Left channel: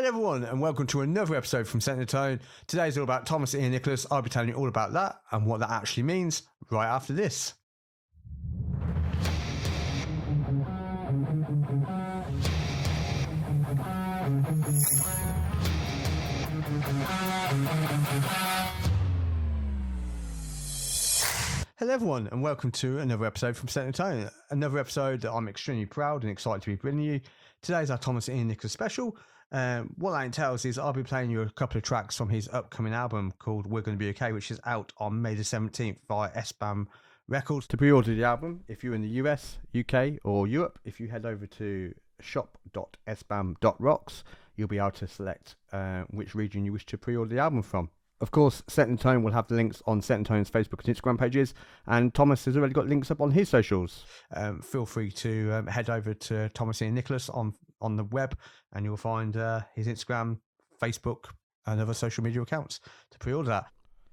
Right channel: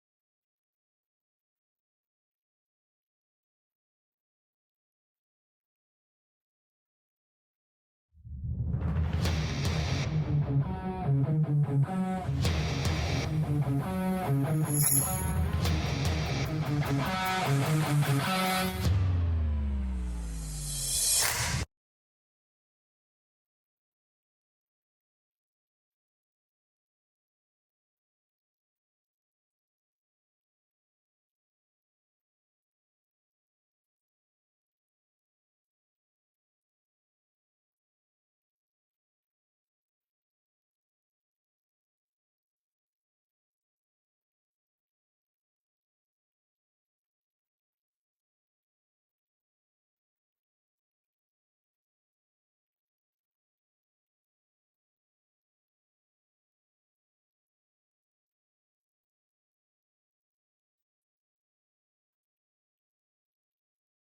Hello everyone and welcome to another episode from Setting the Tone. Today's all about Thomas Ian Nicholas. I'll be telling you all about that and what that actually means right after this. Hello everyone and welcome to another episode from Setting the Tone. Another episode that I'm extremely proud and excited to be bringing you. Today's our Thomas Ian Nicholas special. What that entails is I'll be playing you a couple of tracks from his upcoming album called We're Gonna Be Okay, which is out on May the 17th via SBAM Records. To pre-order the album, if you're in the US, UK or Europe, if you head over to shop.sbam.rocks, you'll be able to select which region you wish to pre-order the album from. Of course, Setting the Tone will have the links on Setting the Tone's Facebook and Instagram pages, and Thomas has already got links up on his socials. Feel free to head over to Thomas Ian Nicholas on the web, and you'll find his Instagram, Facebook, and other social media accounts to pre-order that.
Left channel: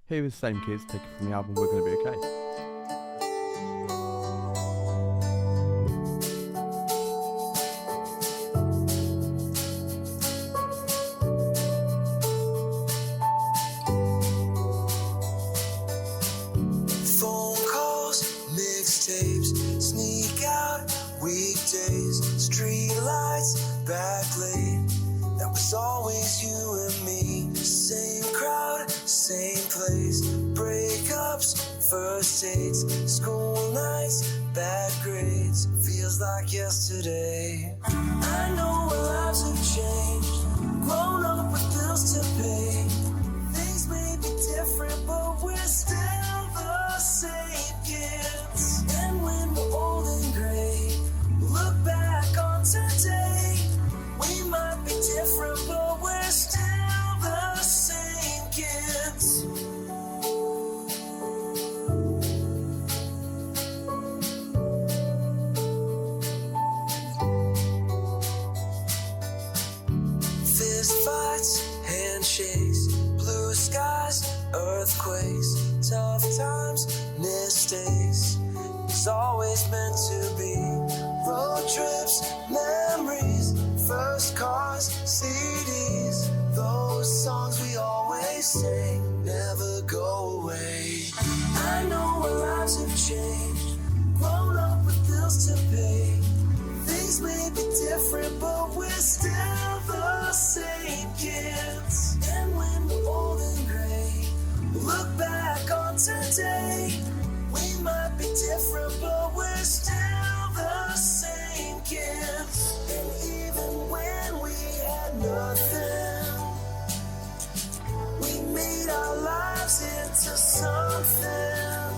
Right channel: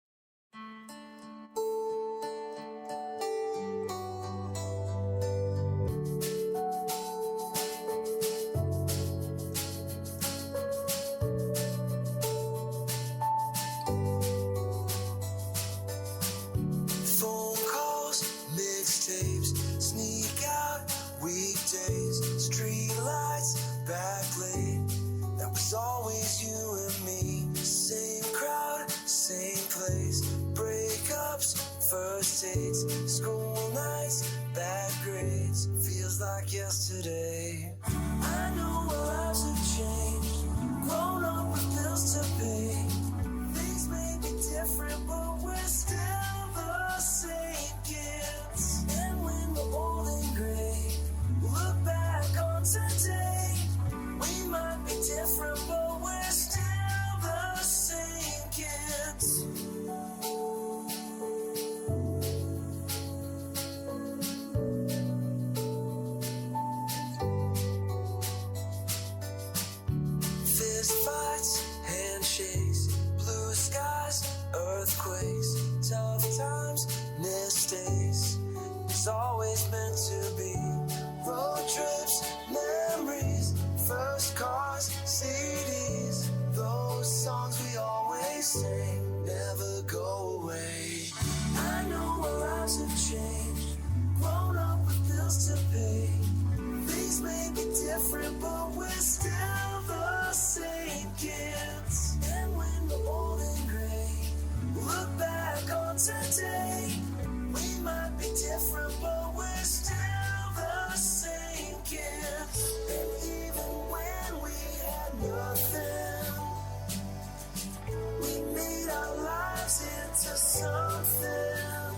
Here is Same Kids, taken from the album We're Gonna Be Okay. Sneak out weekdays, street lights, back late. That was always you and me. Same crowd, same place. Breakups, first dates, school nights, bad grades. Feels like yesterday. I know our lives have changed. Grown up with bills to pay. Things may be different, but we're still the same kids. And when we're old and gray, look back on today. We might be different, but we're still the same kids. Fist fights, handshakes, blue skies, earthquakes, tough times, mistakes. It's always meant to be. Road trips, memories, first cars, CDs. Those songs we always sing never go away. I know our lives have changed. Grown up with bills to pay. Things may be different, but we're still the same kids. And when we're old and gray, look back on today. We might be different, but we're still the same kids. And even when we had nothing, we made our lives into something.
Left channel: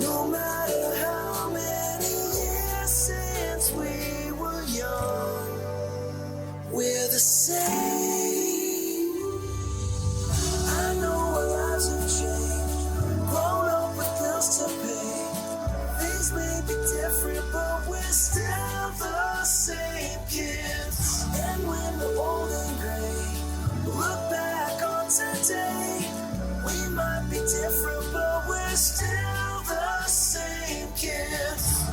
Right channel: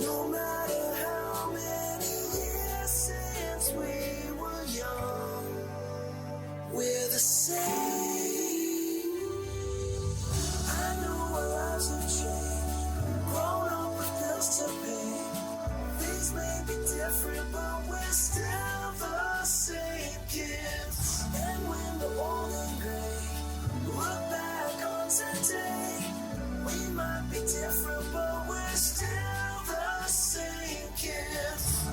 No matter how many years since we were young, we're the same. I know our lives have changed. Grown up with bills to pay. Things may be different, but we're still the same kids. And when we're old and gray, look back on today. We might be different, but we're still the same kids.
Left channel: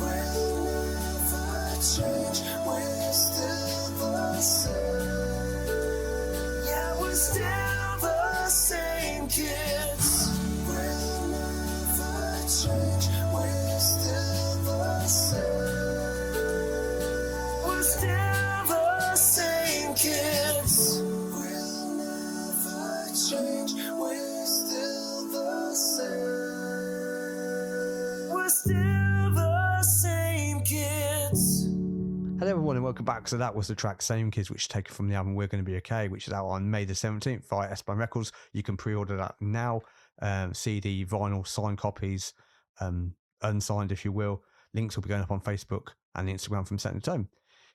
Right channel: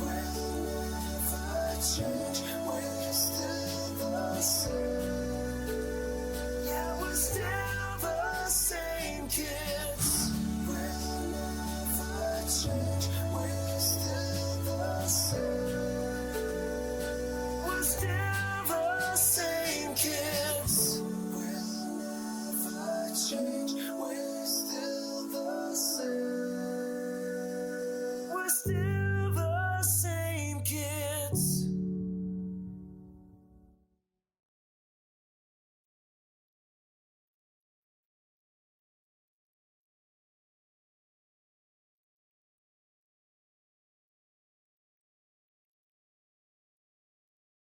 We'll never change. We're still the same. Yeah, we're still the same kids. We'll never change. We're still the same. We're still the same kids. We'll never change. We're still the same. We're still the same kids. Hello everyone and welcome back. So that was the track Same Kids, which is taken from the album We're Gonna Be Okay, which is out on May the 17th via SBAM Records. You can pre-order that now. CD, vinyl, signed copies, unsigned if you will. Links will be going up on Facebook and Instagram from Setting the Tone.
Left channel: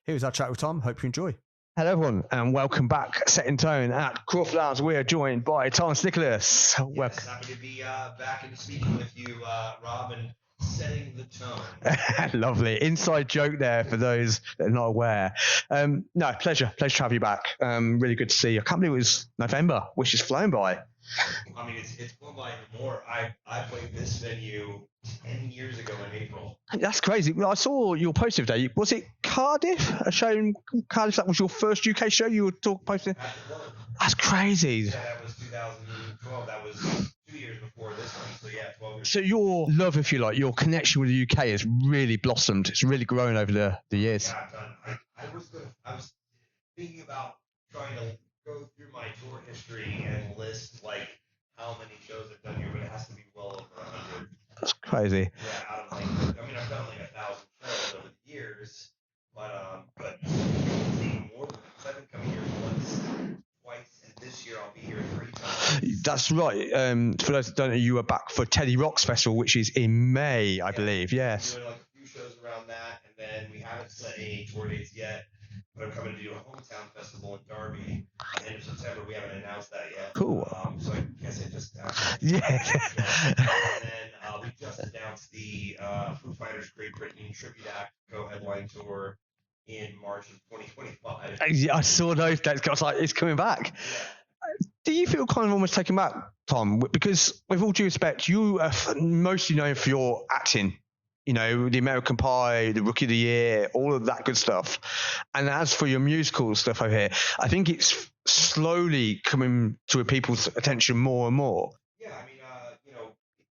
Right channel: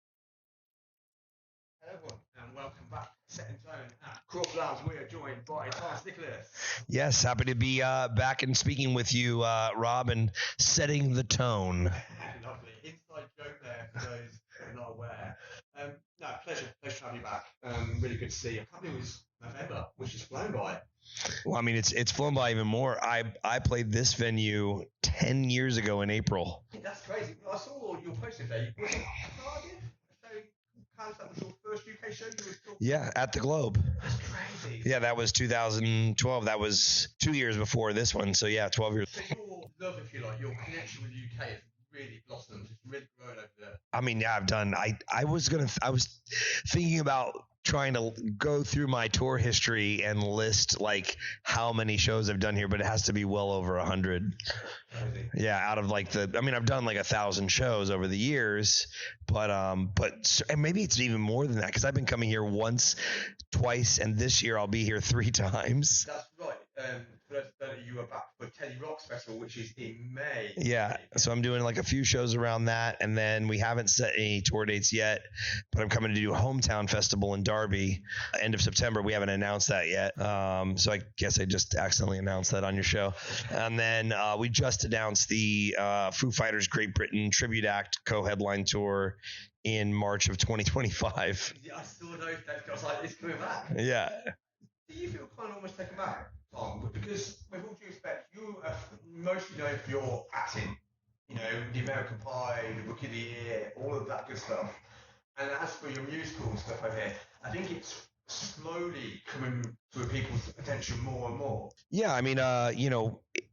Here's our chat with Tom. Hope you enjoy. Hello everyone and welcome back. Setting Tone at Crawford Lounge. We are joined by Thomas Nicholas. Yes, happy to be back and speaking with you, Rob, and setting the tone. Lovely. Inside joke there for those that are not aware. No, pleasure to have you back. Really good to see you. I can't believe it was November, which is flown by. Well, I mean, it's flown by even more. I played this venue 10 years ago in April. That's crazy. Well, I saw your post today. Was it Cardiff? A show in Cardiff? That was your first UK show you were talking Yeah, about? at the Globe. That's crazy. Yeah, that was 2012. That was 2 years before this one. So yeah, 12 years. So your love, if you like, your connection with the UK has really blossomed. It's really grown over the I years. mean, yeah, I've done. I was thinking about trying to go through my tour history and list like how many shows I've done here, but it has to be well over 100. That's crazy. Yeah, out of like I've done like 1,000 shows over the years, but maybe it's even more than that because I've been coming here once, twice, and this year I'll be here 3 times. That's right. For those that don't know, you were back for Teddy Rock's Festival, which is in May, I believe. Yeah. So I'm doing like a few shows around that, and then we haven't set any tour dates yet, but I'm coming to do a hometown festival in Derby, end of September. We haven't announced that yet. Cool. So I guess I just accidentally announced that on your show. And then we just announced the Foo Fighters Great Britain Tribute Act co-headline tour in March of 2025. I saw those dates. I was like, it's coming back. Yeah. Do you feel kind of almost taken back, Tom? Because with all due respect, you are mostly known for your acting. You know, the American Pie, the Rookie of the Year, all of that good stuff. And as for your musical stuff over here, I think it's slowly coming to people's attention more and more. Yeah, I mean,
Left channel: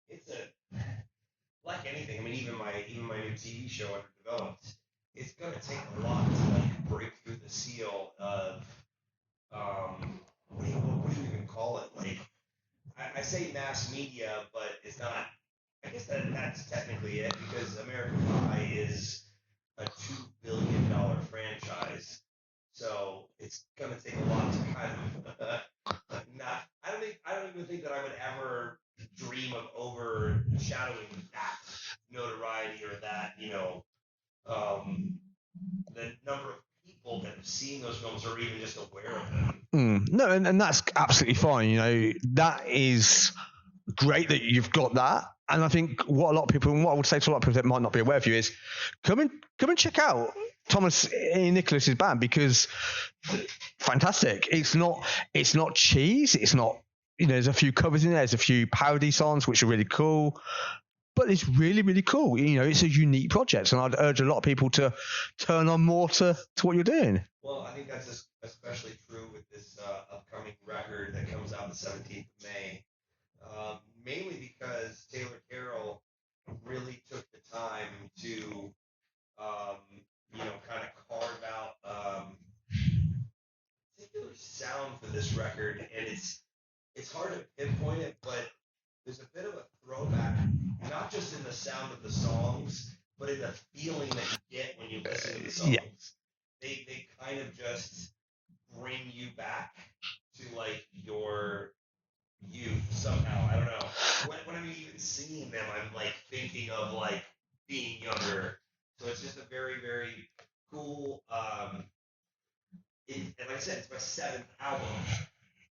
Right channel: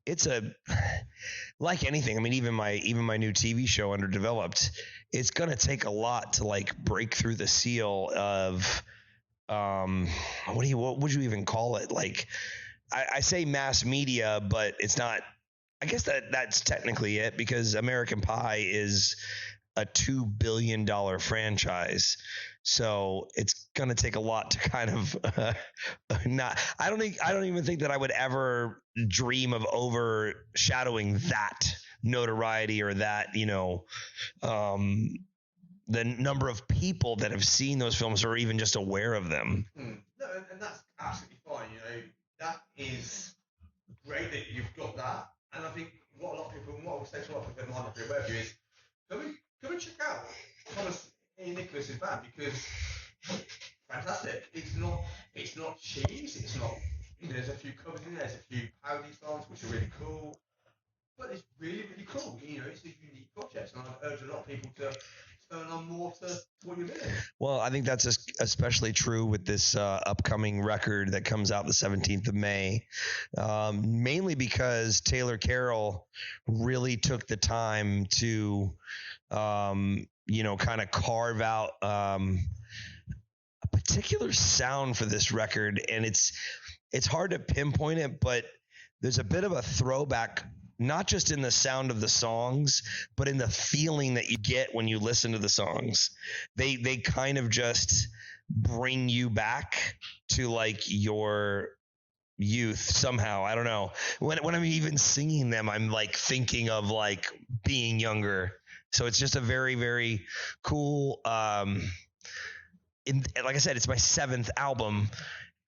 it's like anything. I mean, even my new TV show, Underdeveloped, it's gonna take a lot to like break through the seal of what would you even call it? Like, I say mass media, but it's not. I guess that's technically it because American Pie is a $2 billion franchise. So it's gonna take a lot to kind of not. I don't even think that I would ever dream of overshadowing that notoriety or that the number of people that have seen those films or even just aware of them. No, and that's absolutely fine. You know, that is great that you've got that. And I think what I would say to a lot of people that might not be aware of you is come and check out Thomas Nicholas's band because fantastic. It's not cheese. It's not, there's a few covers in there. There's a few parody songs, which are really cool. But it's really, really cool. It's a unique project. And I'd urge a lot of people to turn on more to what you're doing. Well, I think that's especially true with this upcoming record that comes out the 17th of May, mainly because Taylor Carroll really took the time to, kind of carve out a particular sound for this record. And it's hard to pinpoint it, but there's a bit of a throwback, not just in the sound of the songs, but in the feeling that you get when you listen to the songs. Yeah. They kind of just bring you back to like your youth somehow. I don't know. When I'm even singing them, I'm like thinking of like being younger. So it's just a very, very cool. Like I said, it's my 7th album.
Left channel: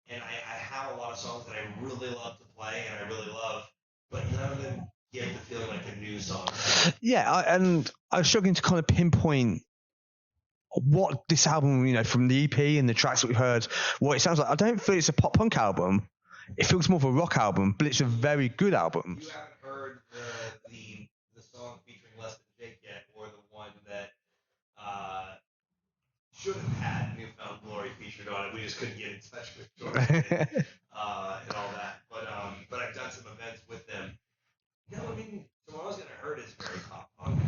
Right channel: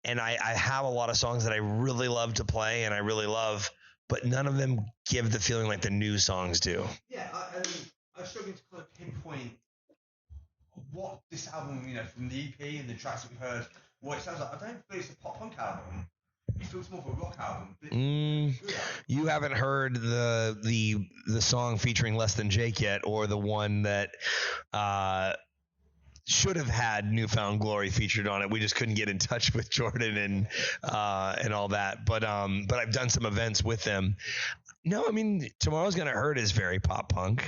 And I have a lot of songs that I really love to play and I really love, but none of them give the feeling like the new songs do. Yeah, and I was struggling to kind of pinpoint what this album, from the EP and the tracks that we've heard, what it sounds like. I don't feel it's a pop punk album. It feels more of a rock album, but it's a very good album. You haven't heard the song featuring Less Than Jake yet, or the one that should have had Newfound Glory featured on it. We just couldn't get in touch with Jordan and all that. But I've done some events with them. No, I mean, Tomorrow's Gonna Hurt is very pop punk.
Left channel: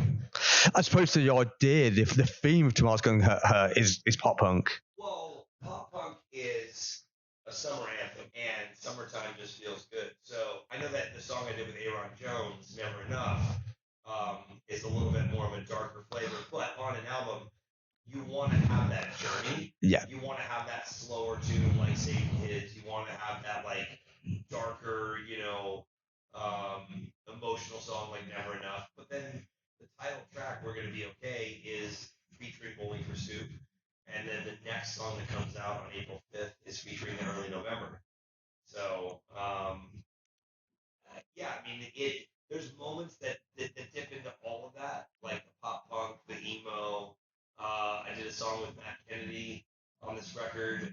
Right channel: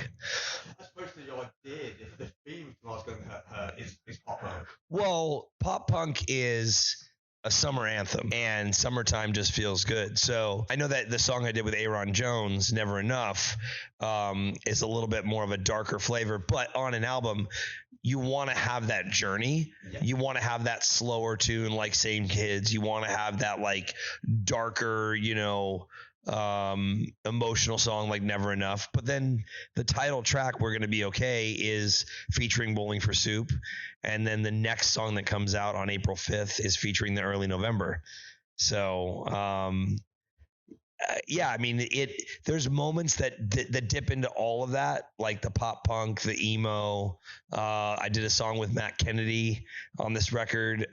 I suppose the idea, if the theme of Tomorrow's Gonna Hurt is pop punk. Well, pop punk is a summer anthem, and summertime just feels good. So I know that the song I did with Aaron Jones, Never Enough, is a little bit more of a darker flavor, but on an album, you want to have that journey. Yeah. You want to have that slower tune like Same Kids. You want to have that like darker, emotional song like Never Enough. But then the title track, We're Gonna Be Okay, is featuring Bowling for Soup. And then the next song that comes out on April 5th is featuring the Early November. So yeah, I mean, there's moments that dip into all of that, like the pop punk, the emo. I did a song with Matt Kennedy on this record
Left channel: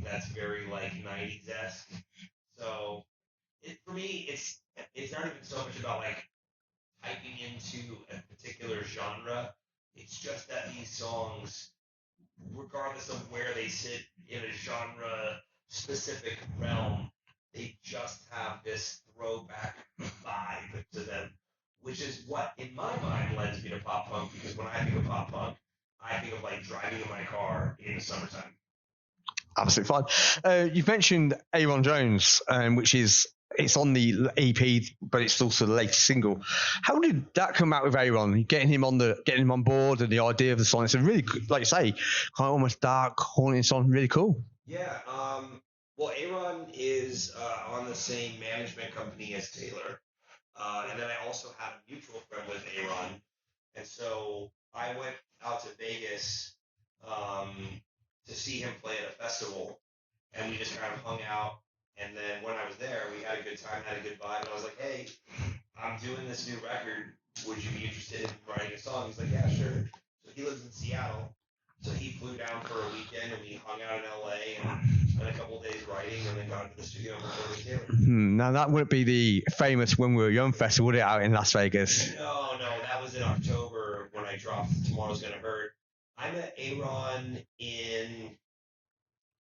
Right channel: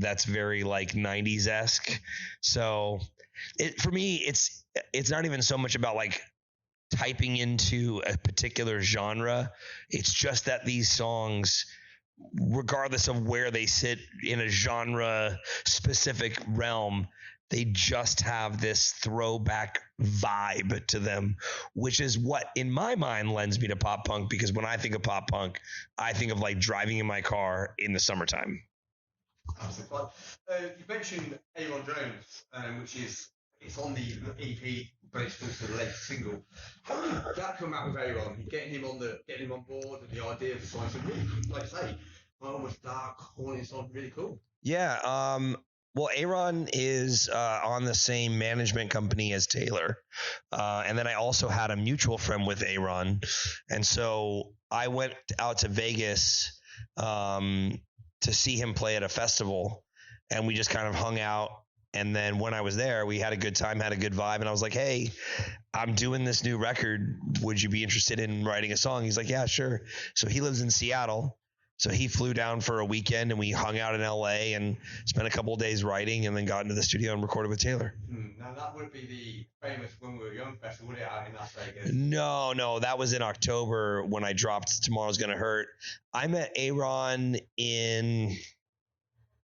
that's very like 90s esque. So for me, it's not even so much about like typing into a particular genre. It's just that these songs, regardless of where they sit in a genre specific realm, they just have this throwback vibe to them, which is what in my mind lends me to pop punk, because when I think of pop punk, I think of like driving in my car in the summertime. Absolutely fine. You've mentioned Aaron Jones, which is it's on the EP, but it's also the latest single. How did that come out with Aaron? Getting him on board, and the idea of the song. It's a really, like you say, kind of almost dark, haunting song. Really cool. Yeah. Well, Aaron is on the same management company as Taylor. And then I also had a mutual friend with Aaron. And so I went out to Vegas to see him play at a festival. And we just kind of hung out. And then when I was there, we had a good time, had a good vibe. And I was like, hey, I'm doing this new record. Would you be interested in writing a song? He's like, yeah, sure. So he lives in Seattle. So he flew down for a weekend and we hung out in LA and spent a couple of days writing, and then got into the studio and recorded with Taylor. Now that wouldn't be the famous When We Were Young festival, would it, out in Las Vegas? No, that was in October when I dropped Tomorrow's Gonna Hurt. I met Aaron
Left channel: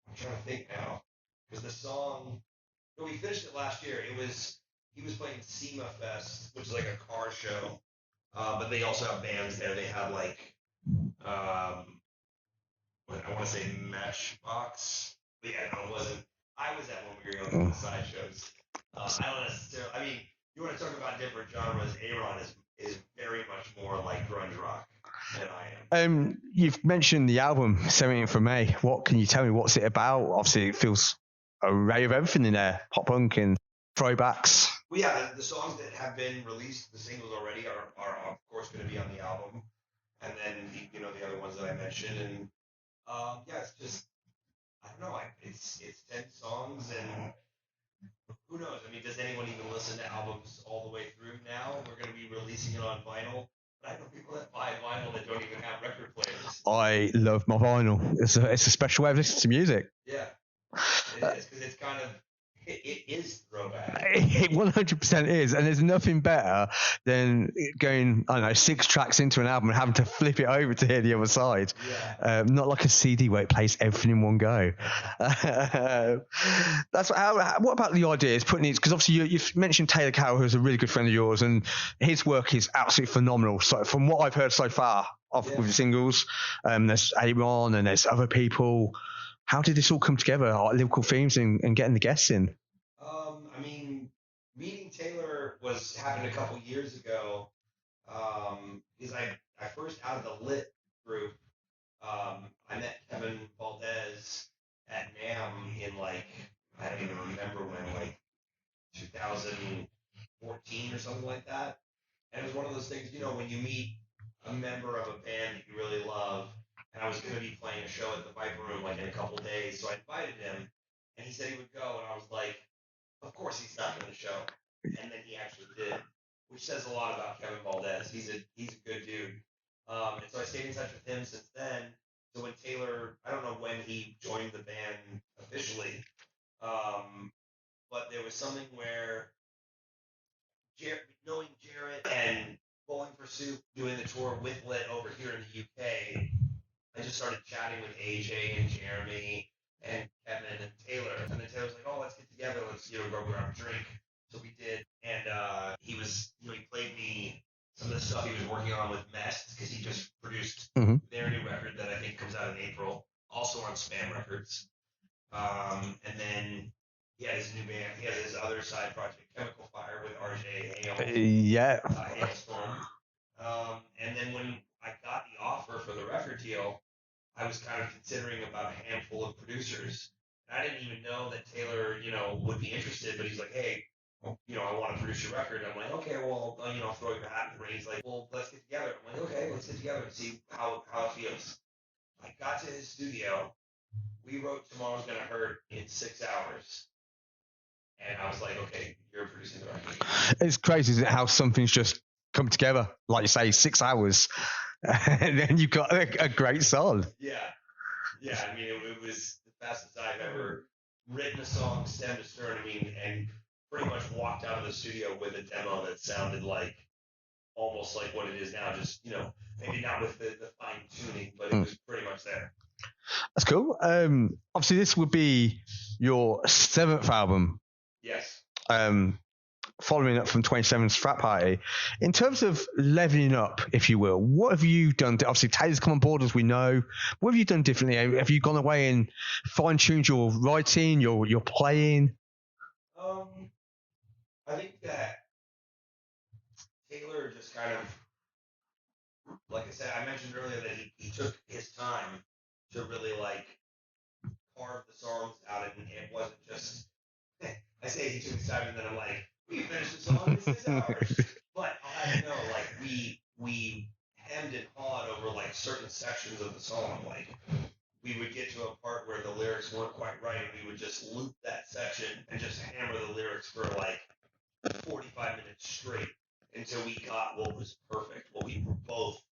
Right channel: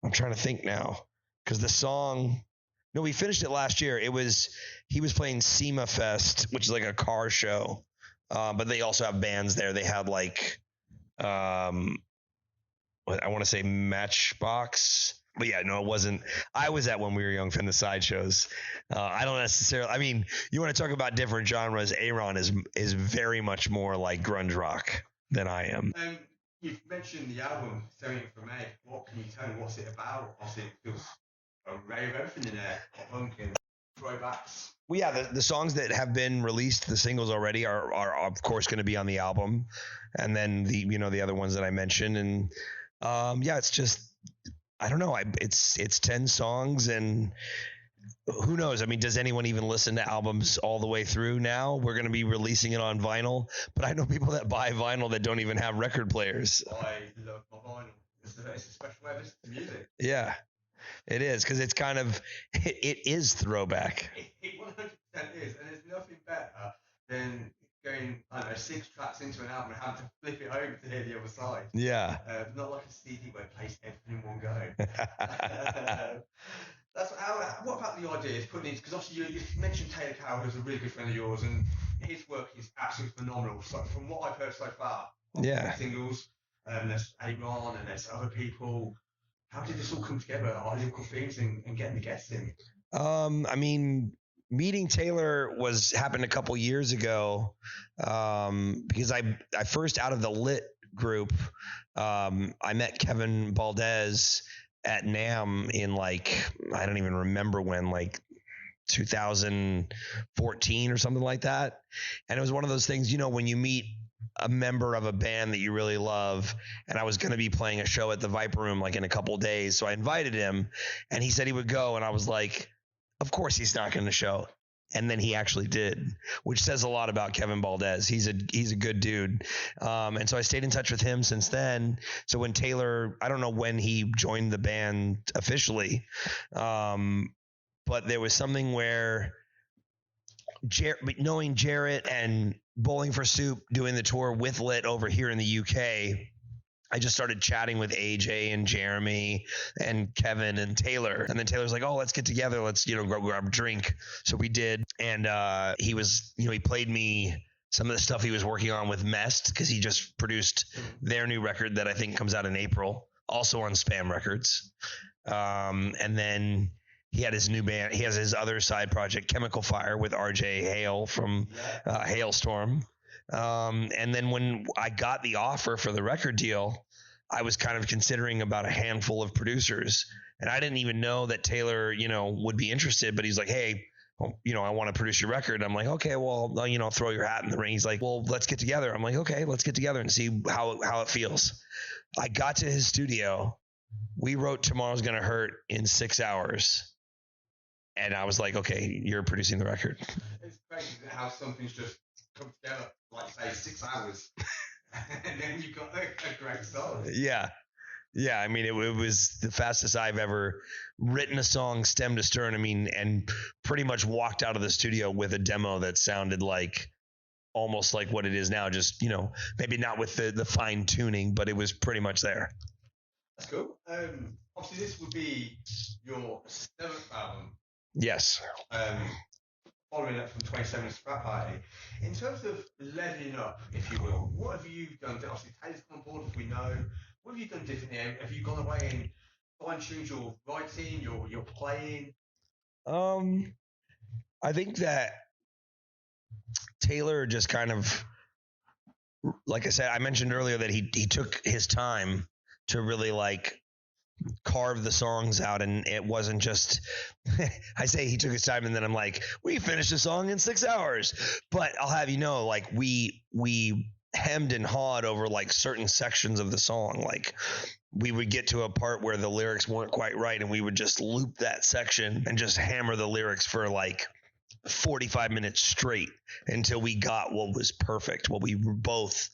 I'm trying to think now, because the song, no, we finished it last year. He was playing SEMA Fest, which is like a car show. But they also have bands there. They had like, I want to say Matchbox, but yeah, no, it wasn't. I was at When We Were Young from the sideshows. I don't necessarily. I mean, you want to talk about different genres? Aaron is very much more like grunge rock than I am. You've mentioned the album 17th of May. What can you tell me? What's it about? Obviously, it feels a array of everything in there: pop punk and throwbacks. Well, yeah, the songs that have been released, the singles already, are of course going to be on the album, and then the other ones that I mentioned, and yeah, it's just, I don't know. It's 10 songs, and who knows? I mean, does anyone even listen to albums all the way through now? We're going to be releasing it on vinyl, but I know people that buy vinyl that don't even have record players. I love my vinyl. It's a special way of listening to music. Yeah. It is, because it's kind of, it is throwback. It 100% is, and there's nothing better than going, I don't know, 6 tracks into an album and having to flip it over to hear the other side. Yeah. Not like a CD where it plays everything in one go. What about the idea? Is putting it, because obviously you've mentioned Taylor Carroll, who's a really good friend of yours, and his work is absolutely phenomenal. So from what I've heard so far of the singles, there's Aaron and there's other people. How did this all come together, like lyrical themes and getting the guests in? I mean, meeting Taylor happened a couple years ago, because I first, out of the Lit group, I met Kevin Baldez at NAMM in like, I don't even remember when, like 2014 or something like that. And it was one of those things, when you meet a member of a band that you really love, and I was going to be playing a show at the Viper Room like in a couple of days. So I invited him and he said he would go. And I was like, of course he's not going to show. And then he actually did, which says a lot about Kevin Baldez. He's a good dude. And so I stayed in touch with him since then. So when Taylor, I don't know when he joined the band officially, but there was something where knowing Jarrett and Bowling for Soup doing the tour with Lit over here in the UK, I just started chatting with AJ and Jeremy and Kevin and Taylor. And then Taylor was like, oh, let's get together. Let's, go grab a drink. So we did. And he was, he played me some of the stuff he was working on with Mest, because he just produced their new record that I think comes out in April, also on SBÄM Records. And then he had his new band. He has his other side project, Chemical Fire, with RJ Hale from Hailstorm. And then when I got the offer for the record deal, I was kind of considering about a handful of producers. And I didn't even know that Taylor, would be interested. But he's like, hey, I want to produce your record. I'm like, okay, well, throw your hat in the ring. He's like, well, let's get together. I'm like, okay, let's get together and see how it feels. I got to his studio. We wrote Tomorrow's Gonna Hurt in 6 hours. And I was like, okay, you're producing the record. It's crazy, isn't it, how something's just come together, like you say, 6 hours, and then you've got a great song. Yeah. I mean, it was the fastest I've ever written a song stem to stern. I mean, and pretty much walked out of the studio with a demo that sounded like almost like what it is now. Just, maybe not with the fine tuning, but it was pretty much there. That's cool. Obviously, this would be your 7th album. Yes. Following up from 27's Frat Party. In terms of leveling up, if you will, what have you done? Obviously, Taylor's come on board, as we know. What have you done differently? Have you gone away and fine-tuned your writing, your playing? I think that Taylor just kind of, like I said, I mentioned earlier that he took his time to really like carve the songs out, and it wasn't just I say he took his time and then I'm like, we finished the song in 6 hours. But I'll have you know, like we hemmed and hawed over like certain sections of the song. Like we would get to a part where the lyrics weren't quite right, and we would just loop that section and just hammer the lyrics for like 45 minutes straight until we got what was perfect, what we were both,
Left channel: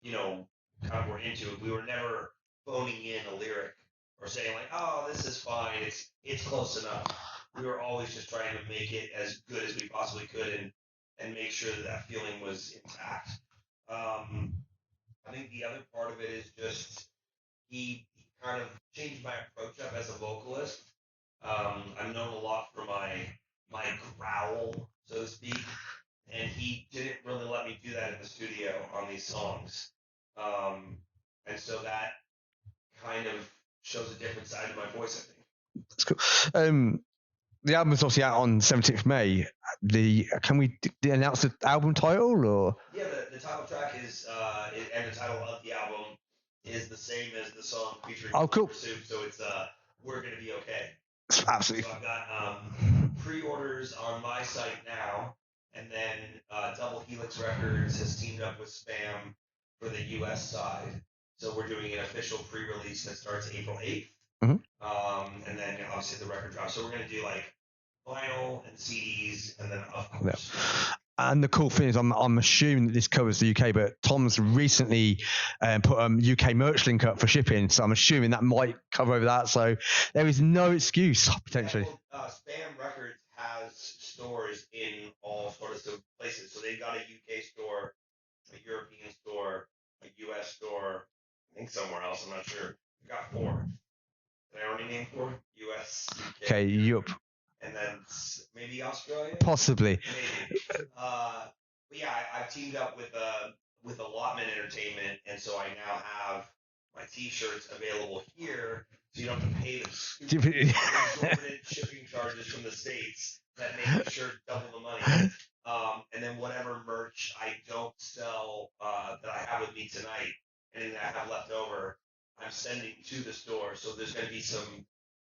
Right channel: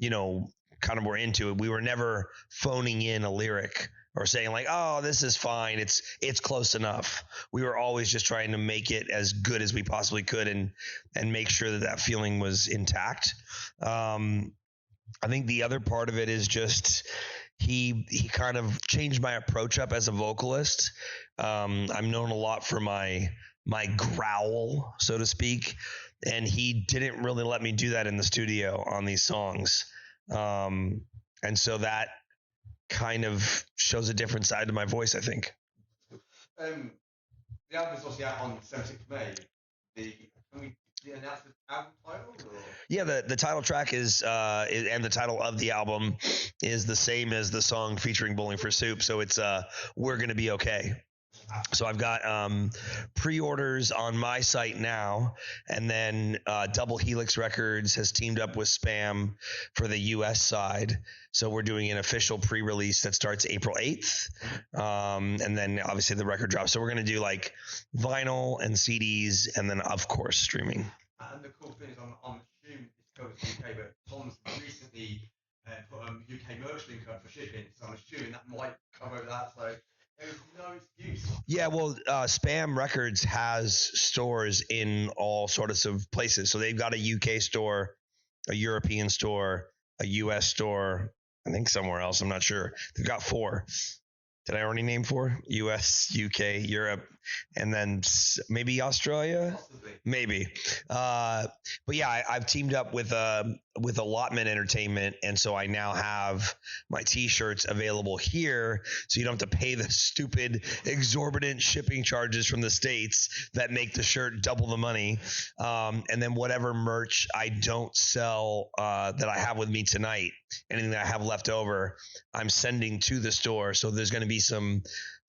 kind of were into it. We were never phoning in a lyric or saying like, oh, this is fine, it's close enough. We were always just trying to make it as good as we possibly could and make sure that feeling was intact. I think the other part of it is just he kind of changed my approach up as a vocalist. I'm known a lot for my growl, so to speak, and he didn't really let me do that in the studio on these songs. And so that kind of shows a different side to my voice, I think. That's cool. The album is obviously out on 17th May. Can we announce the album title? Or yeah, the title track is and the title of the album is the same as the song featuring Bowling for Soup. So it's We're Gonna Be Okay. Absolutely. So I've got pre-orders on my site now, and then Double Helix Records has teamed up with SBÄM for the US side. So we're doing an official pre-release that starts April 8th. Mm-hmm. And then obviously the record drops. So we're going to do like vinyl and CDs, and then of course streaming. And the cool thing is, I'm assuming that this covers the UK, but Tom's recently put a UK merch link up for shipping, so I'm assuming that might cover over that. So there is no excuse. Yeah, well, SBÄM Records has stores in all sorts of places. So they've got a UK store, a European store, a US store, I think somewhere else. I'm not sure. They've got 4. Did I already name 4? US, UK, Europe, and then maybe Australia? Possibly. Maybe. But yeah, I've teamed up with Allotment Entertainment, and so I now have my T-shirts available here, so you don't have to pay the stupid exorbitant shipping charges from the States that make the shirt double the money. And then whatever merch I don't sell that I have with me tonight, anything that I have left over, I'm sending to the store. So there's going to be some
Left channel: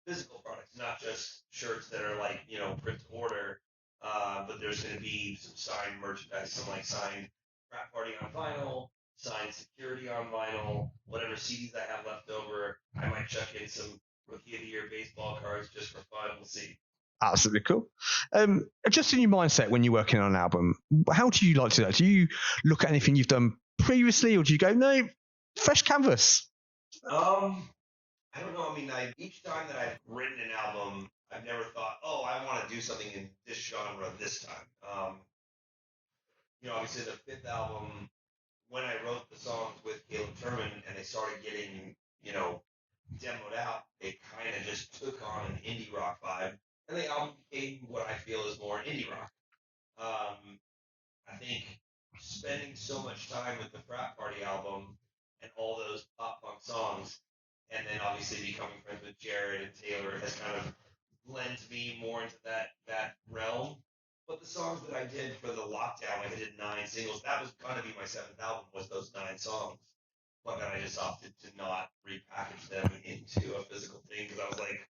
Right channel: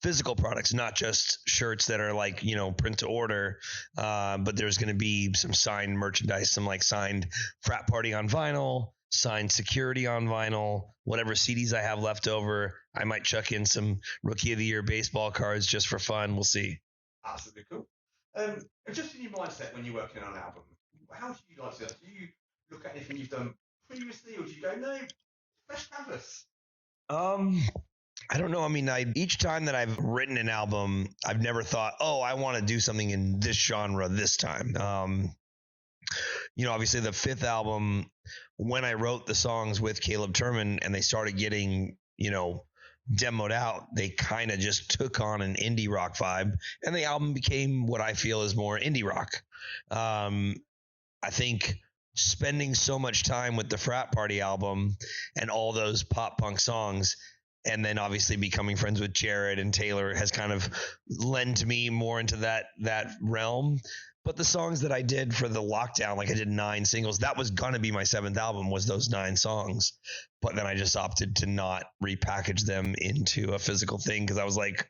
physical products, not just shirts that are like, print to order, but there's going to be some signed merchandise, some like signed Frat Party on vinyl, signed Security on vinyl, whatever CDs I have left over. I might chuck in some Rookie of the Year baseball cards just for fun. We'll see. Absolutely cool. Just in your mindset when you're working on an album, how do you like to do that? Do you look at anything you've done previously, or do you go, no, fresh canvas? I don't know. I mean, each time that I've written an album, I've never thought, oh, I want to do something in this genre this time. Obviously the 5th album, when I wrote the songs with Caleb Turman and they started getting, demoed out, they kind of just took on an indie rock vibe, and the album became what I feel is more indie rock. I think spending so much time with the Frat Party album and all those pop punk songs, and then obviously becoming friends with Jared and Taylor, has kind of lent me more into that realm. But the songs that I did for the lockdown, like I did 9 singles, that was going to be my 7th album, was those 9 songs. But then I just opted to not repackage them into a physical thing, because I was like,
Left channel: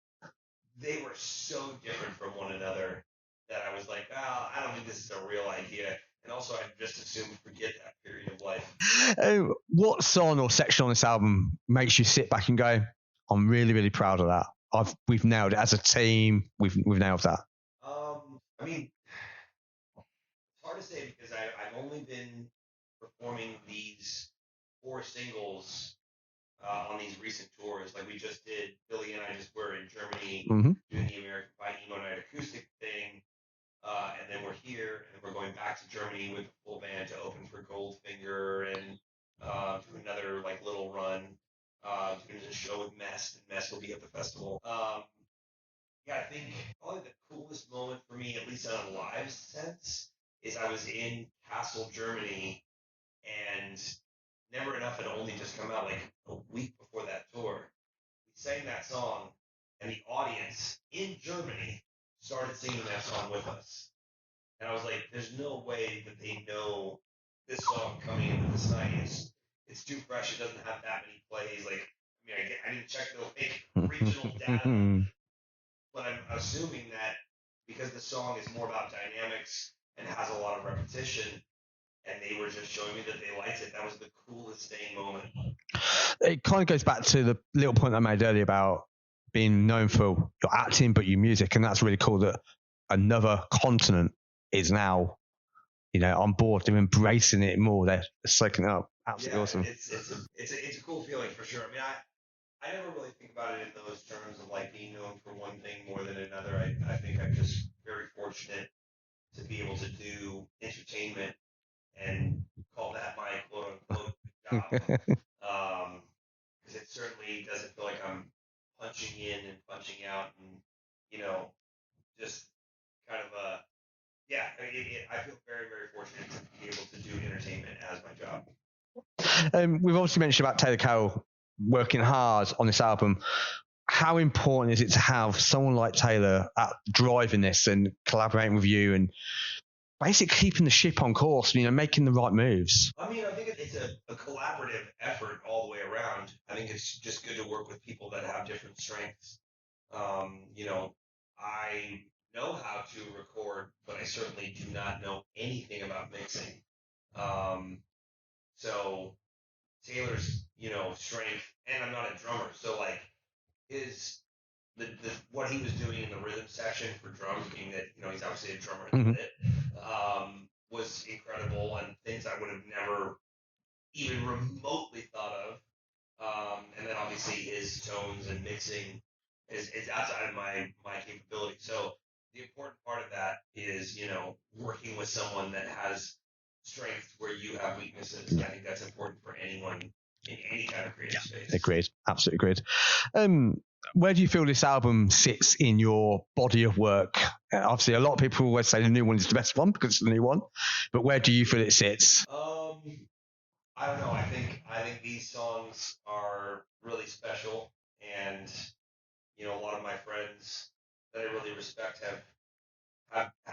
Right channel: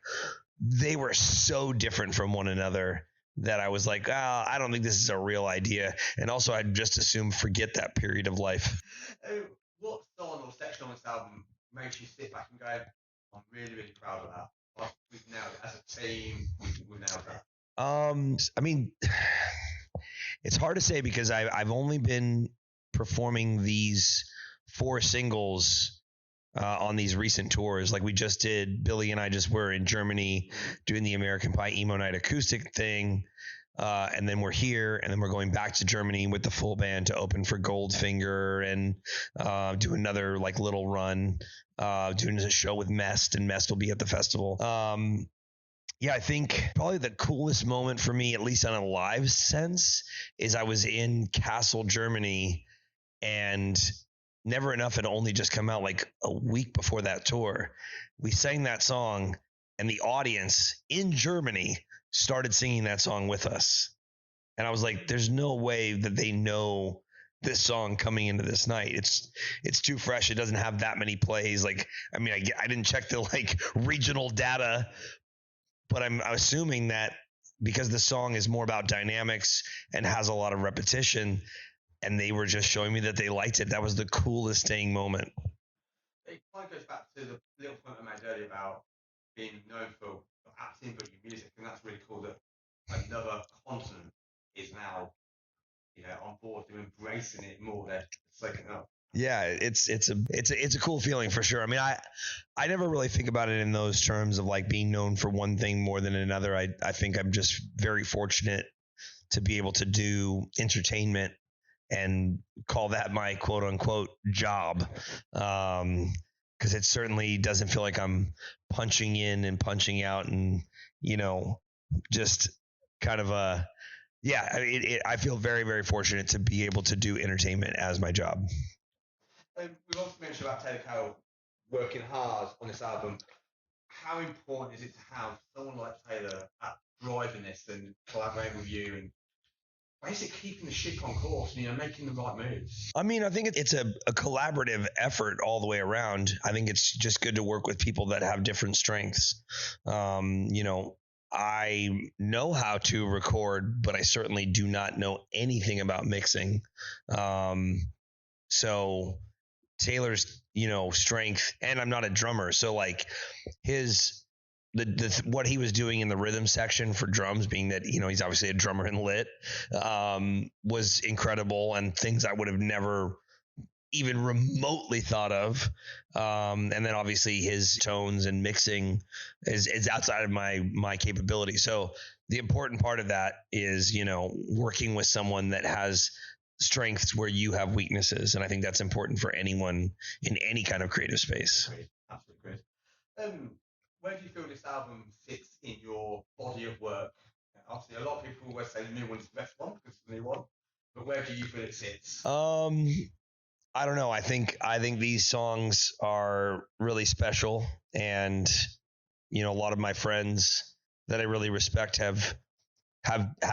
they were so different from one another that I was like, I don't think this is a real idea. And also I'd just assume forget that period of life. What song or section on this album makes you sit back and go, I'm really, really proud of that. We've nailed it as a team. We've nailed that. I mean, it's hard to say because I've only been performing these 4 singles on these recent tours. Like we just did, Billy and I just were in Germany doing the American Pie Emo Night acoustic thing. And then we're here, and then we're going back to Germany with the full band to open for Goldfinger and do another like little run, doing a show with Mest, and Mest will be at the festival. Yeah, I think probably the coolest moment for me, at least on a live sense, is I was in Kassel, Germany, and Never Enough had only just come out like a week before that tour. We sang that song, and the audience in Germany started singing that song with us. And I was like, there's no way that they know this song coming into this night. It's too fresh. It doesn't have that many plays. Like, I mean, I didn't check the like regional data, but I'm assuming that because the song is more about dynamics and has a lot of repetition, and they were just showing me that they liked it. That was the coolest dang moment. It kind of goes back to the little point I made earlier about being known for your acting, but your music. And that's really cool that another continent is now, on board. They're embracing it more. They're soaking it up. Absolutely awesome. It's a cool feeling for sure. I mean, I never really think about it in those terms of like being known for one thing more than another. I think I'm just very fortunate to be able to do entertainment and call that my quote unquote job. Cause it certainly doesn't feel like I'm punching in and punching out and, just kind of I feel very, very fortunate to be able to do entertainment as my job. We've obviously mentioned about Taylor Carroll working hard on this album. How important is it to have someone like Taylor driving this and collaborating with you and basically keeping the ship on course, making the right moves? I mean, I think it's a collaborative effort all the way around. I think it's just good to work with people that have different strengths. I know how to record, but I certainly do not know anything about mixing. So Taylor's, strength, and I'm not a drummer. So like what he was doing in the rhythm section for drums, being that, he's obviously a drummer in lit, was incredible, and things I would have never even remotely thought of. And then obviously his tones and mixing is outside of my capability. So the important part of that is, working with someone that has strengths where you have weaknesses. And I think that's important for anyone in any kind of creative space. Agreed. Absolutely agreed. Where do you feel this album sits in your body of work? Obviously, a lot of people always say the new one is the best one because it's the new one. But where do you feel it sits? I don't know. I think these songs are really special, and a lot of my friends that I really respect have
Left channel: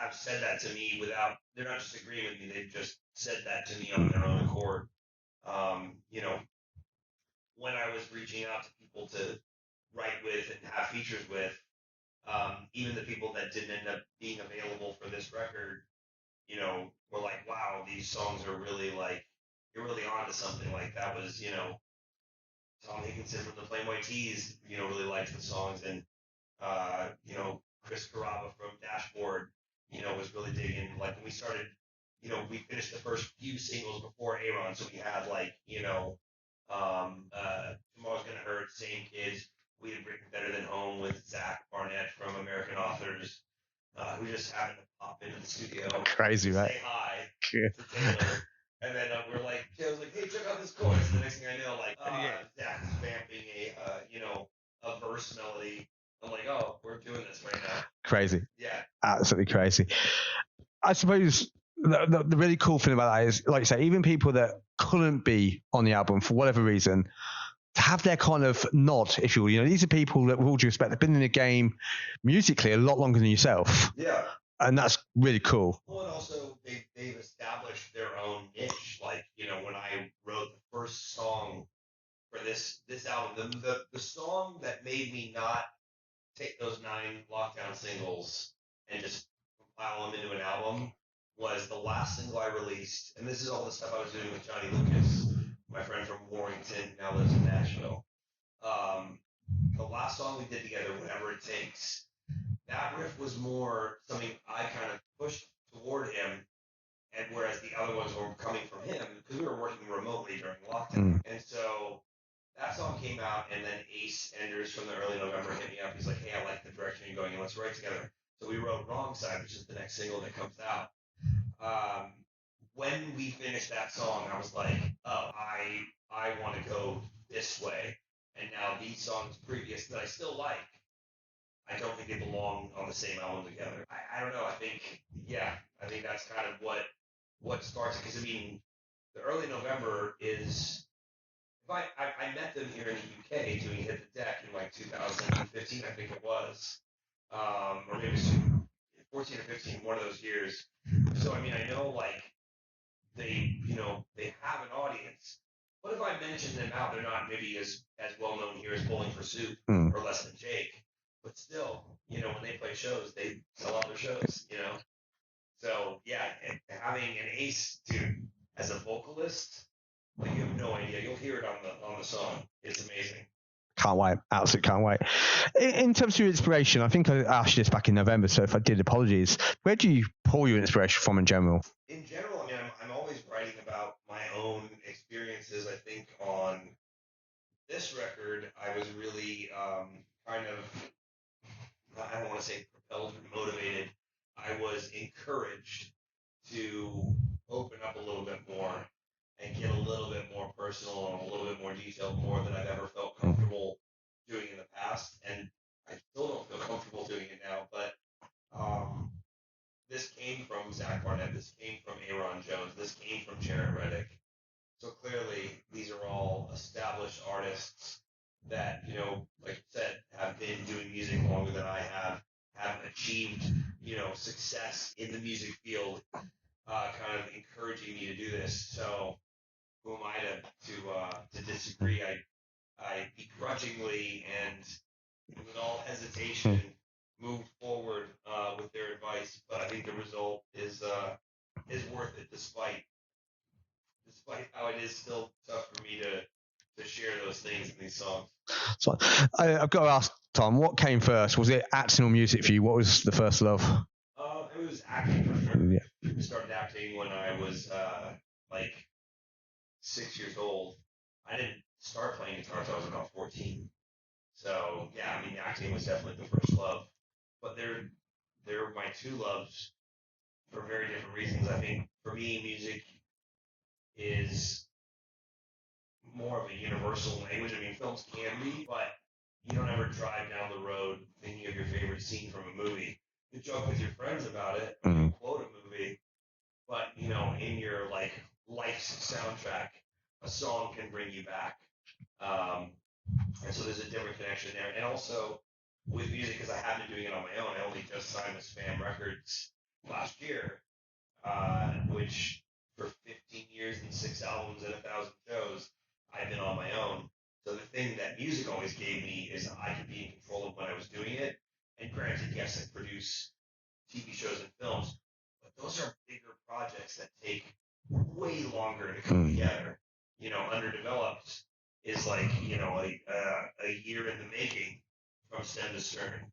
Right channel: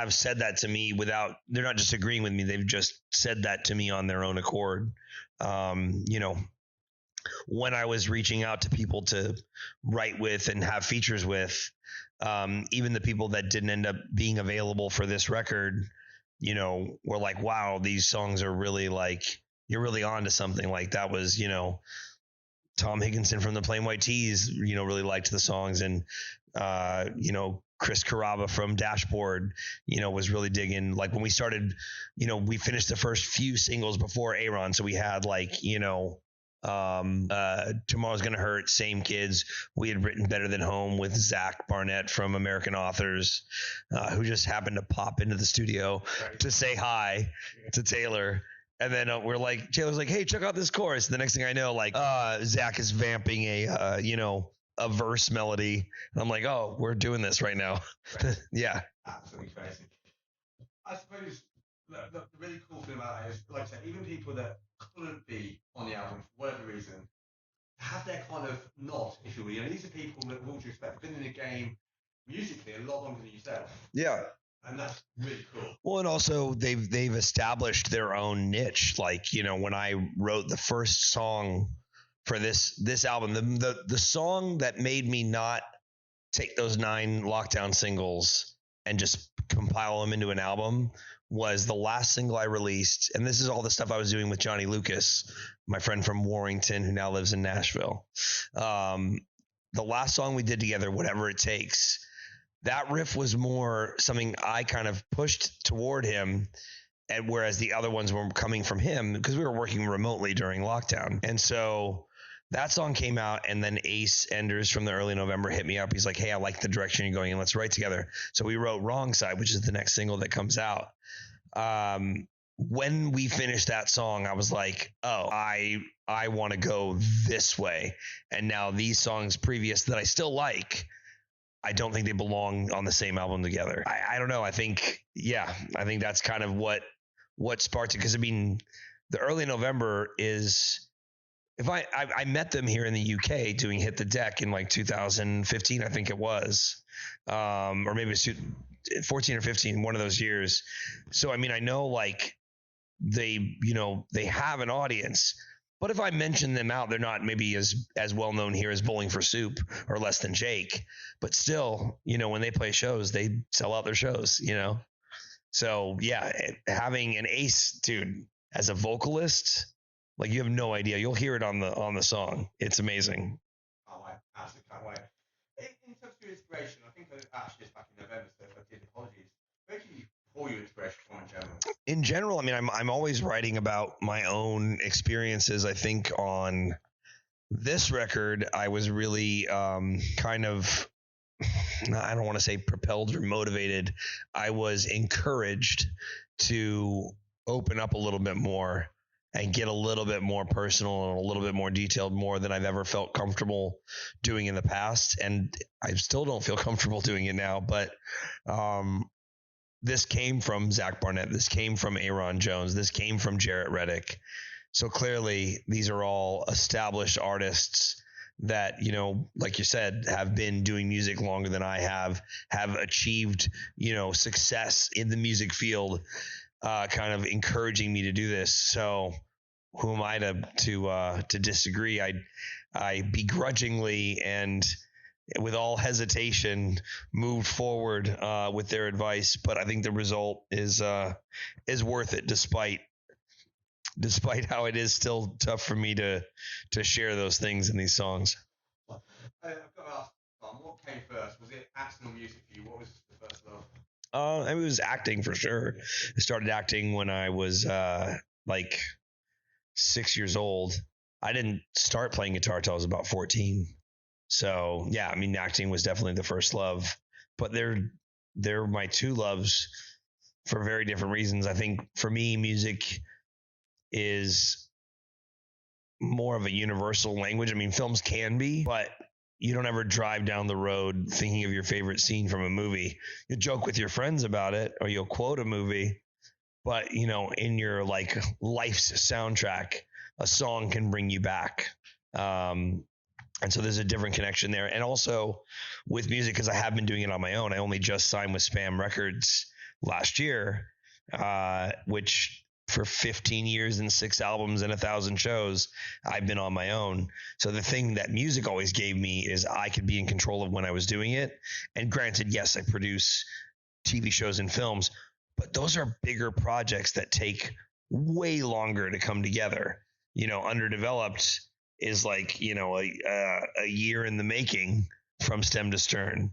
said that to me without, they're not just agreeing with me. They've just said that to me on their own accord. When I was reaching out to people to write with and have features with, even the people that didn't end up being available for this record, were like, wow, these songs are really like, you're really on to something. Like that was, Tom Higginson from the Plain White Tees, really liked the songs. And, Chris Carrabba from Dashboard, was really digging. Like when we started, we finished the first few singles before Aaron. So we had like, Tomorrow's Gonna Hurt, Same Kids. We had written Better Than Home with Zach Barnett from American Authors, who just happened to pop into the studio to say hi to Taylor. And then Taylor's like, hey, check out this chorus. The next thing I know, Zach is vamping a verse melody. And I'm like, oh, we're doing this right now. Crazy. Yeah. Absolutely crazy. I suppose the really cool thing about that is, like you say, even people that couldn't be on the album for whatever reason, to have their kind of nod, if you will. These are people that, with all due respect, have been in the game musically a lot longer than yourself. Yeah. And that's really cool. Well, and also they've established their own niche. Like, when I wrote the first song for this album, the song that made me not take those 9 lockdown singles and just compile them into an album was the last single I released. And this is all the stuff I was doing with Johnny Lucas, my friend from Warrington, who now lives in Nashville. The last song we did together, Whatever It Takes, that riff was more something I kind of pushed toward him, and whereas the other ones were coming from him because we were working remotely during lockdown. And so that song came out, and then Ace Enders from the early November hit me up. He's like, hey, I like the direction you're going, and let's write together. So we wrote Wrong Side, which is the next single that comes out. When we finished that song, I was like, oh, I want to go this way. And now these songs previous that I still like, I don't think they belong on the same album together. I don't know. I think that's kind of what sparked it. Because, I mean, the early November is, if I met them here in the UK doing Hit the Deck in like 2015, I think it was, or maybe it was 14 or 15, one of those years. So, I mean, I know like they have an audience, but if I mention them out, they're not maybe as well known here as Bowling for Soup or Less Than Jake, but still, when they play shows, they sell out their shows, So yeah, having an Ace dude as a vocalist, like, you have no idea. You'll hear it on the song. It's amazing. Can't wait. Absolutely can't wait. In terms of your inspiration, I think I asked you this back in November, so if I did, apologies. Where do you pull your inspiration from in general? In general, I mean, I'm always writing about my own experiences. I think on this record, I was really kind of, I don't want to say propelled or motivated. I was encouraged to open up a little bit more and get a little bit more personal and a little bit more detailed, more than I've ever felt comfortable doing in the past. And I still don't feel comfortable doing it now, but this came from Zach Barnett. This came from Aaron Jones. This came from Jarrett Reddick. So clearly these are all established artists that, like you said, have been doing music longer than I have achieved, success in the music field, kind of encouraging me to do this. So who am I to disagree? I begrudgingly and with all hesitation moved forward with their advice, but I think the result is worth it, despite how it is still tough for me to share those things in these songs. So I've got to ask, Tom, what came first? Was it acting or music for you? What was the first love? It was acting for sure. Yeah. I started acting when I was like 6 years old. I didn't start playing guitar until I was about 14. So yeah, I mean, acting was definitely the first love, but they're my two loves for very different reasons. I think for me, music is more of a universal language. I mean, films can be, but you don't ever drive down the road thinking of your favorite scene from a movie. You joke with your friends about it, or you'll quote a movie, but in your like life's soundtrack, a song can bring you back. And so there's a different connection there. And also with music, because I have been doing it on my own. I only just signed with SBÄM Records last year, which for 15 years and 6 albums and 1,000 shows, I've been on my own. So the thing that music always gave me is I could be in control of when I was doing it. And granted, yes, I produce TV shows and films, but those are bigger projects that take way longer to come together. Underdeveloped is like, a year in the making from stem to stern,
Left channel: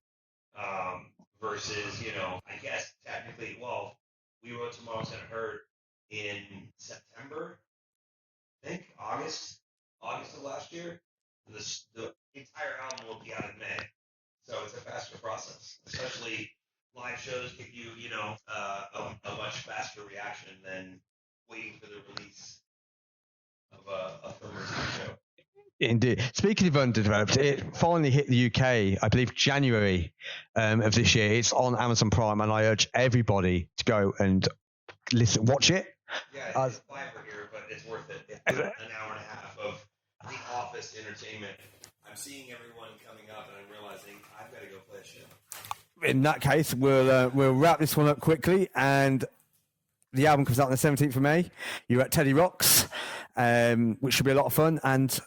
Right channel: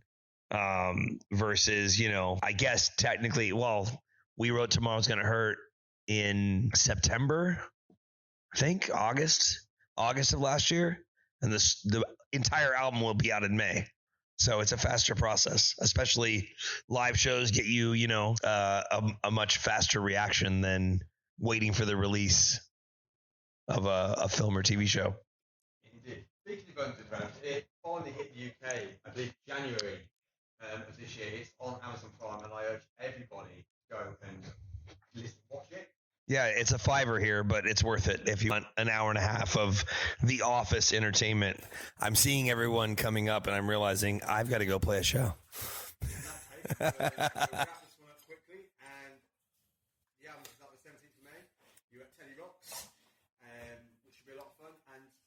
versus, I guess technically, well, we wrote Tomorrow's Gonna Hurt in September, I think August of last year. And the entire album will be out in May. So it's a faster process, especially live shows get you, a much faster reaction than waiting for the release of a film or TV show. Indeed. Speaking of underdeveloped, it finally hit the UK, I believe, January of this year. It's on Amazon Prime, and I urge everybody to go and watch it. Yeah, it's a $5 here, but it's worth it if you want an hour and a half of The Office entertainment. I'm seeing everyone coming up, and I'm realizing I've got to go play a show. In that case, we'll wrap this one up quickly, and the album comes out on the 17th of May. You're at Teddy Rocks, which should be a lot of fun, and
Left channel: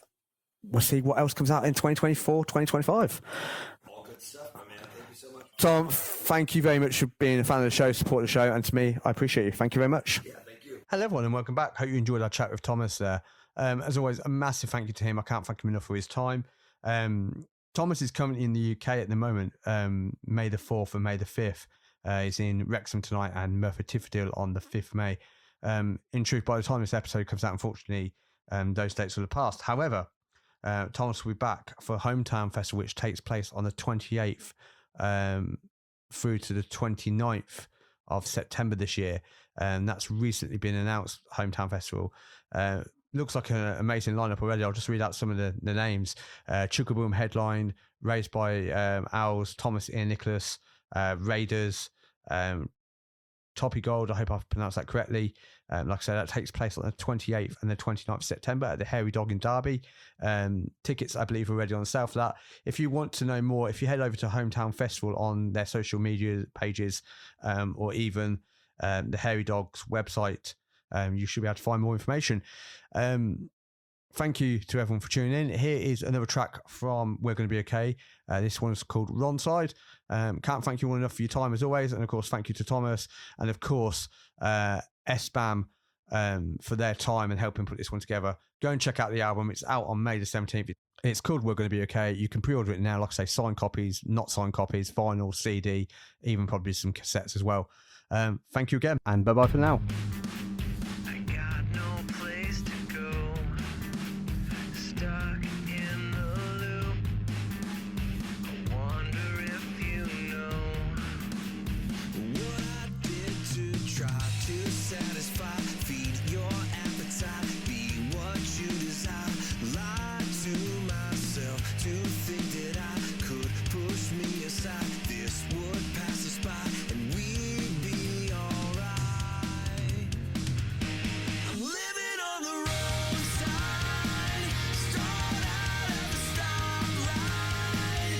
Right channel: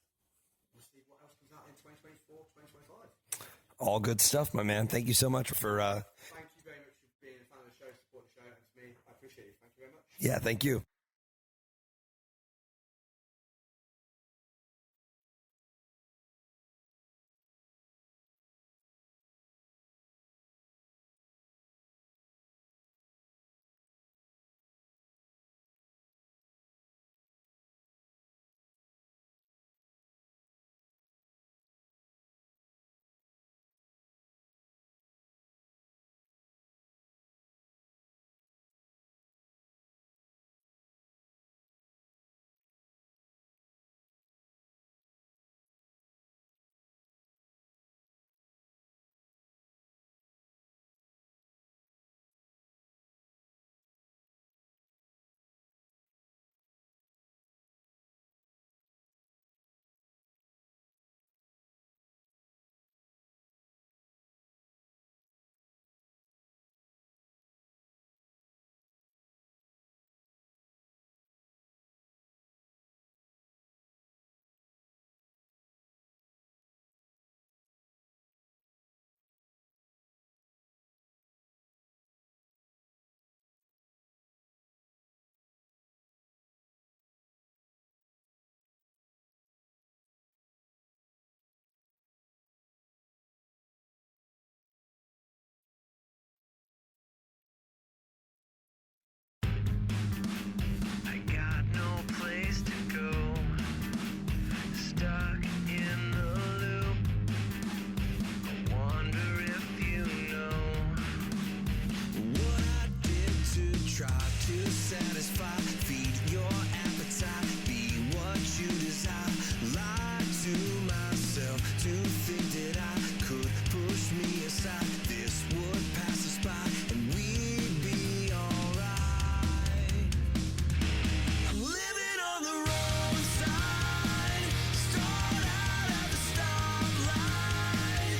we'll see what else comes out in 2024, 2025. All good stuff, my man. Thank you so much. So thank you very much for being a fan of the show, supporting the show, and to me, I appreciate you. Thank you very much. Yeah, thank you. Hello, everyone, and welcome back. Hope you enjoyed our chat with Thomas there. As always, a massive thank you to him. I can't thank him enough for his time. Thomas is currently in the UK at the moment, May the 4th and May the 5th. He's in Wrexham tonight and Merthyr Tydfil on the 5th of May. In truth, by the time this episode comes out, unfortunately, those dates will have passed. However, Thomas will be back for Hometown Festival, which takes place on the 28th through to the 29th of September this year. That's recently been announced, Hometown Festival. Looks like an amazing lineup already. I'll just read out some of the names. Chukaboom headline, raised by Owls, Thomas, Ian Nicholas, Raiders, Toppy Gold, I hope I've pronounced that correctly. Like I said, that takes place on the 28th and the 29th of September at the Hairy Dog in Derby. Tickets, I believe, are already on sale for that. If you want to know more, if you head over to Hometown Festival on their social media pages, or even the Hairy Dog's website, you should be able to find more information. Thank you to everyone for tuning in. Here is another track from We're Gonna Be Okay. This one's called Ronside. Can't thank you all enough for your time as always, and of course thank you to Thomas, and of course SBAM for their time and helping put this one together. Go and check out the album. It's out on May the 17th. It's called We're Gonna Be Okay. You can pre-order it now, like I say, signed copies, not signed copies, vinyl, CD, even probably some cassettes as well. Thank you again, and bye-bye for now. I got no place to go, stuck in the loop. I wonder if you know what I did to try to satisfy, feed your appetite, be what you desire. Lie to myself to think that I could push me aside. This would pass us by and we'd be alright. I'm living on the wrong side. Start out at the stoplight.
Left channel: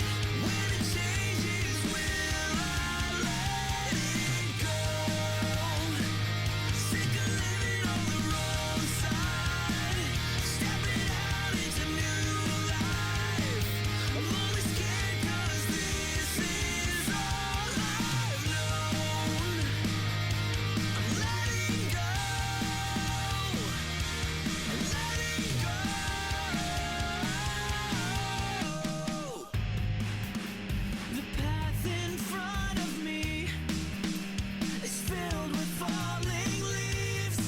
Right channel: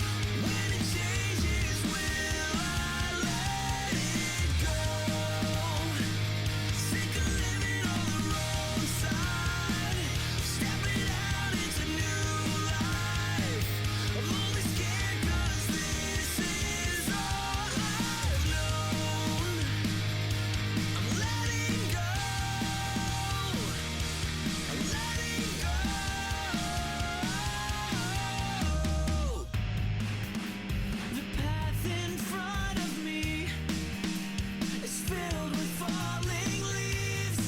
When it changes, will I let it go? Sick of living on the wrong side. Stepping out into new life. I'm only scared 'cause this is all I've known. I'm letting go. I'm letting go. The path in front of me is filled with falling leaves.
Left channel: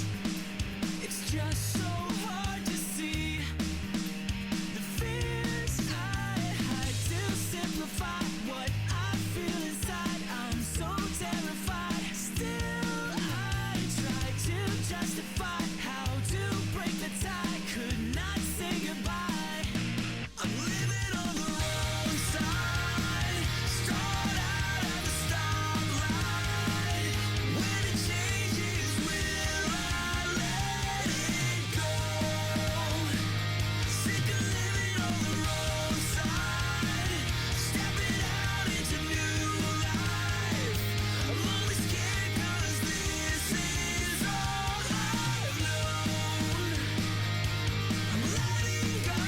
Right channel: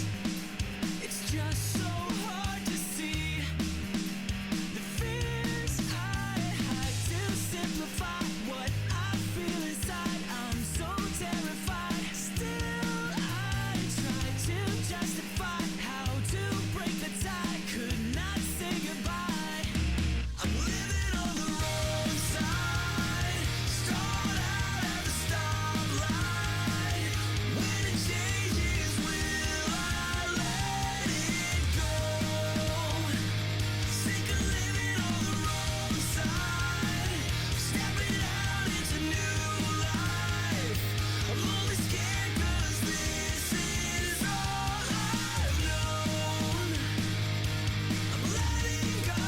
It's just so hard to see the fears I had to simplify what I feel inside. I'm so terrified. Still, I try to justify how to break the tie. Could not say goodbye. I'm living on the wrong side. Start out at the stoplight. When it changes, will I let it go? Sick of living on the wrong side. Stepping out into new life. I'm only scared 'cause this is all I've known. I'm letting go.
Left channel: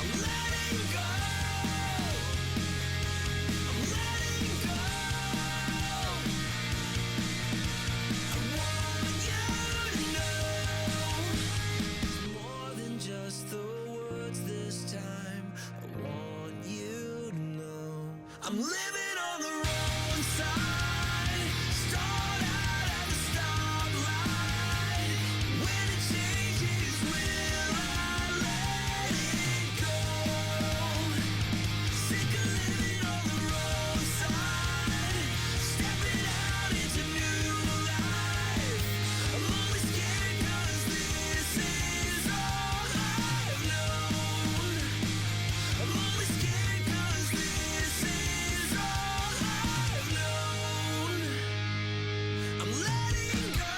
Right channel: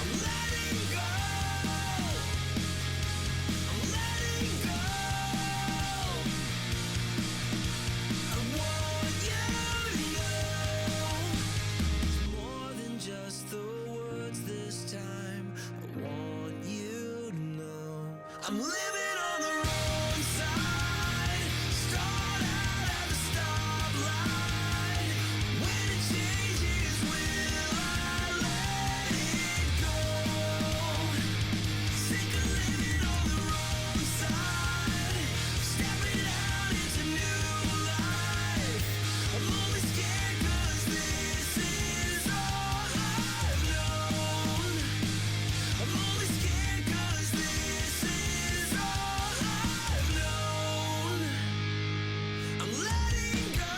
I'm letting go. I'm letting go. I want you to know it's more than just the words this time. I want you to know I'm living on the wrong side. Start out at the stoplight. When it changes, will I let it go? Sick of living on the wrong side. Stepping out into new life. I'm only scared 'cause this is all I've known. I'm only scared 'cause this is all I've known. I'm letting go.